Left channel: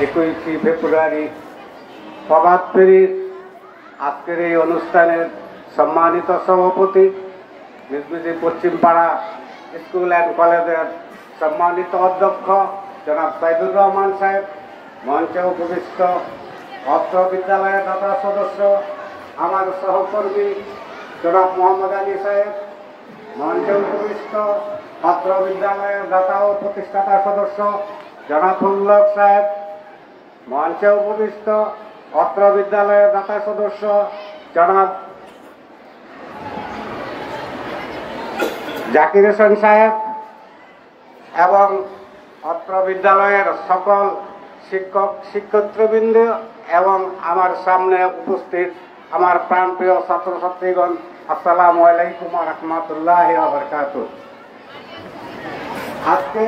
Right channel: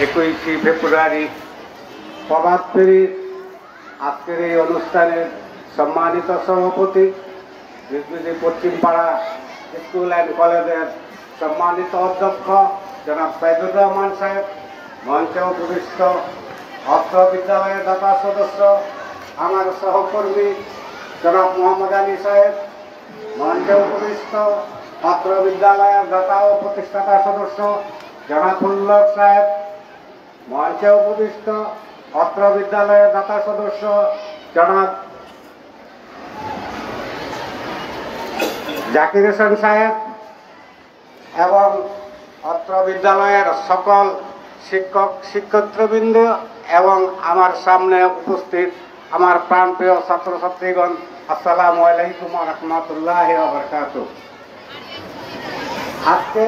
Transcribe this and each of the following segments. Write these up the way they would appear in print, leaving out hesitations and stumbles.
21শে ফেব্রুয়ারি প্রভাত ফেরির আজকের এই অনুষ্ঠানের সম্মানিত সভাপতি, নিজ পশ্চিমপাড়া স্কুল অ্যান্ড কলেজের সম্মানিত অধ্যক্ষ জনাব সাইদুর রহমান সাহেব, মঞ্চে উপবিষ্ট অত্র বিদ্যালয়ের দাতা সদস্য আমার সহকর্মী জনাব মোহাম্মদ আলী সাহেব, মঞ্চে উপবিষ্ট অত্র বিদ্যালয়ের দাতা ও প্রতিষ্ঠাতা সদস্য জনাব উল্লভ সাহেব, মঞ্চে উপবিষ্ট অত্র বিদ্যালয়ের দাতা সদস্য জনাব জাকির হোসেন সাহেব এবং অত্র বিদ্যালয়ের সকল শিক্ষক শিক্ষার্থীবৃন্দ এবং আমার সামনে উপস্থিত আমার প্রাণপ্রিয় ছাত্রছাত্রীগণ, আসসালামু আলাইকুম ওয়া রাহমাতুল্লাহি ওয়া বারাকাতুহু। আজকে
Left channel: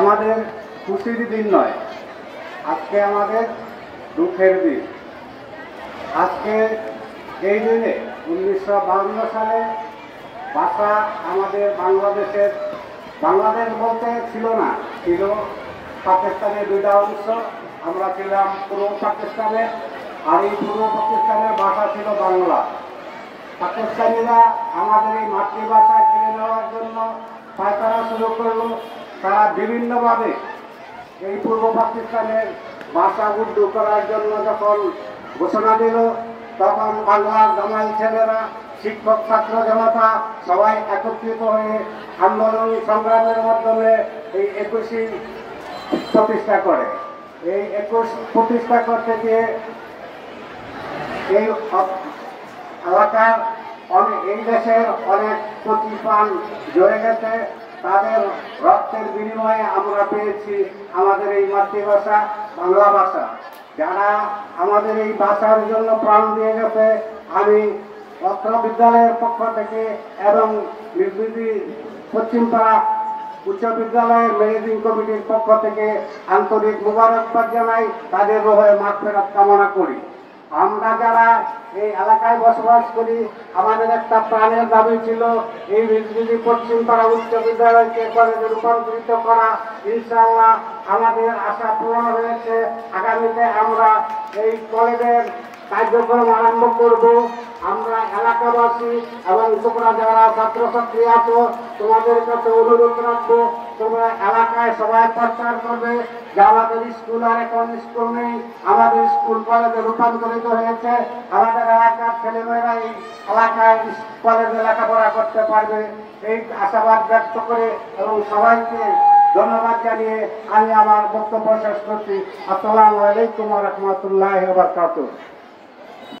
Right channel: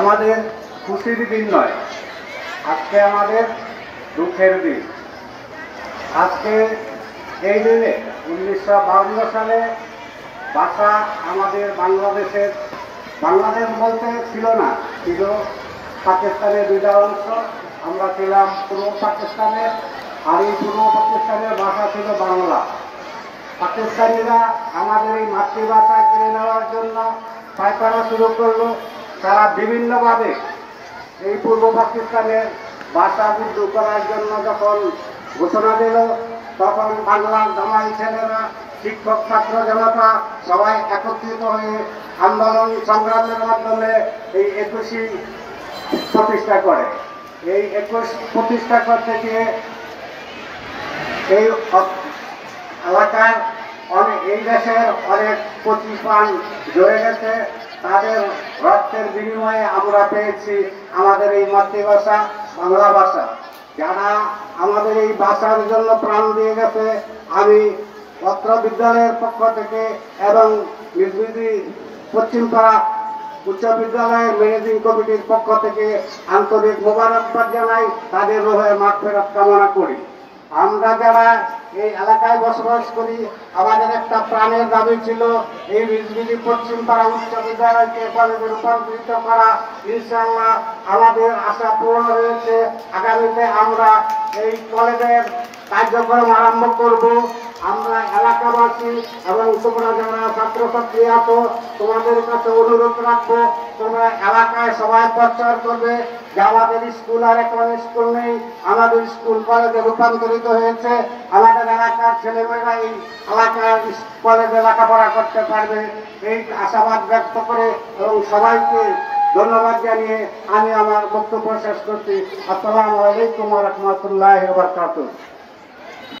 আমাদের খুশির দিন নয়, আজকে আমাদের দুঃখের দিন। আজকে এই দিনে 1952 সালে ভাষা আমাদের বাংলাদেশ বলতে ছিল না, ছিল পাকিস্তানের দুইটা অংশ। আমরা ছিলাম পূর্ব পাকিস্তানে, আর এই পূর্ব পাকিস্তানের ভাষা ছিল বাংলা। পাকিস্তানিরা আমাদের এই মাতৃভাষা কেড়ে নেওয়ার জন্য পায়তারা শুরু করলো। তারা বিভিন্নভাবে এই পূর্ব পাকিস্তানের ভাষা বিদ্য করার জন্য যখন ঘোষণা দিল, তখন বাংলার জামাই ছেলেরা, শিক্ষক ছাত্র জনতা সবাই একত্রিত হয়ে আন্দোলন সংগ্রামের মাধ্যমে এই 21 প্রতিষ্ঠা করে। এই 21 প্রতিষ্ঠা করতে গিয়ে এই এলাকায় এই দেশের অনেক প্রতিষ্ঠান জড়ে গেছে। তাদের রক্তের বিনিময়ে আমরা পেয়েছি আমাদের এই মাতৃভাষা বাংলা ভাষা। যারা আমাদের এই ভাষার জন্য প্রাণ দিয়ে গেছে, আমি অত্র বিদ্যালয়ের পক্ষ থেকে এবং পশ্চিমপাড়া উচ্চ বিদ্যালয়ের ম্যানেজিং কমিটির পক্ষ থেকে আন্তরিক মোবারকবাদ জানাই, তাদের রোহে মাগফিরাত কামনা করি। আমরা যারা এই এলাকায় বসবাস করি, আমাদের একটা প্রাণের দাবি ছিল এই নিজ পশ্চিমপাড়া উচ্চ বিদ্যালয়কে কলেজে রূপান্তরিত করা। ইনশাআল্লাহ আমাদের আশা পূরণ হয়েছে। আগামীতে আমরা এই কলেজের কার্যক্রম আরম্ভ করব। আমরা এলাকাবাসী এবং তোমরা যারা ছাত্রছাত্রী আছো, তোমাদের কাছে অনুরোধ রাখবো, তোমরা এলাকায় সবাই প্রচার করবে যে আমাদের স্কুল আর এখন স্কুল নেই, আমাদের স্কুল কলেজে রূপান্তরিত হয়েছে। আমাদের এলাকার ছেলেমেয়েরা এই এলাকার কলেজে লেখাপড়া করতে পারবে, এই আশাবাদ ব্যক্ত করে এবং সবাইকে ধন্যবাদ জানিয়ে আমি আমার বক্তব্য শেষ করছি। আসসালামু আলাইকুম ওয়া রাহমাতুল্লাহি ওয়া বারাকাতুহু।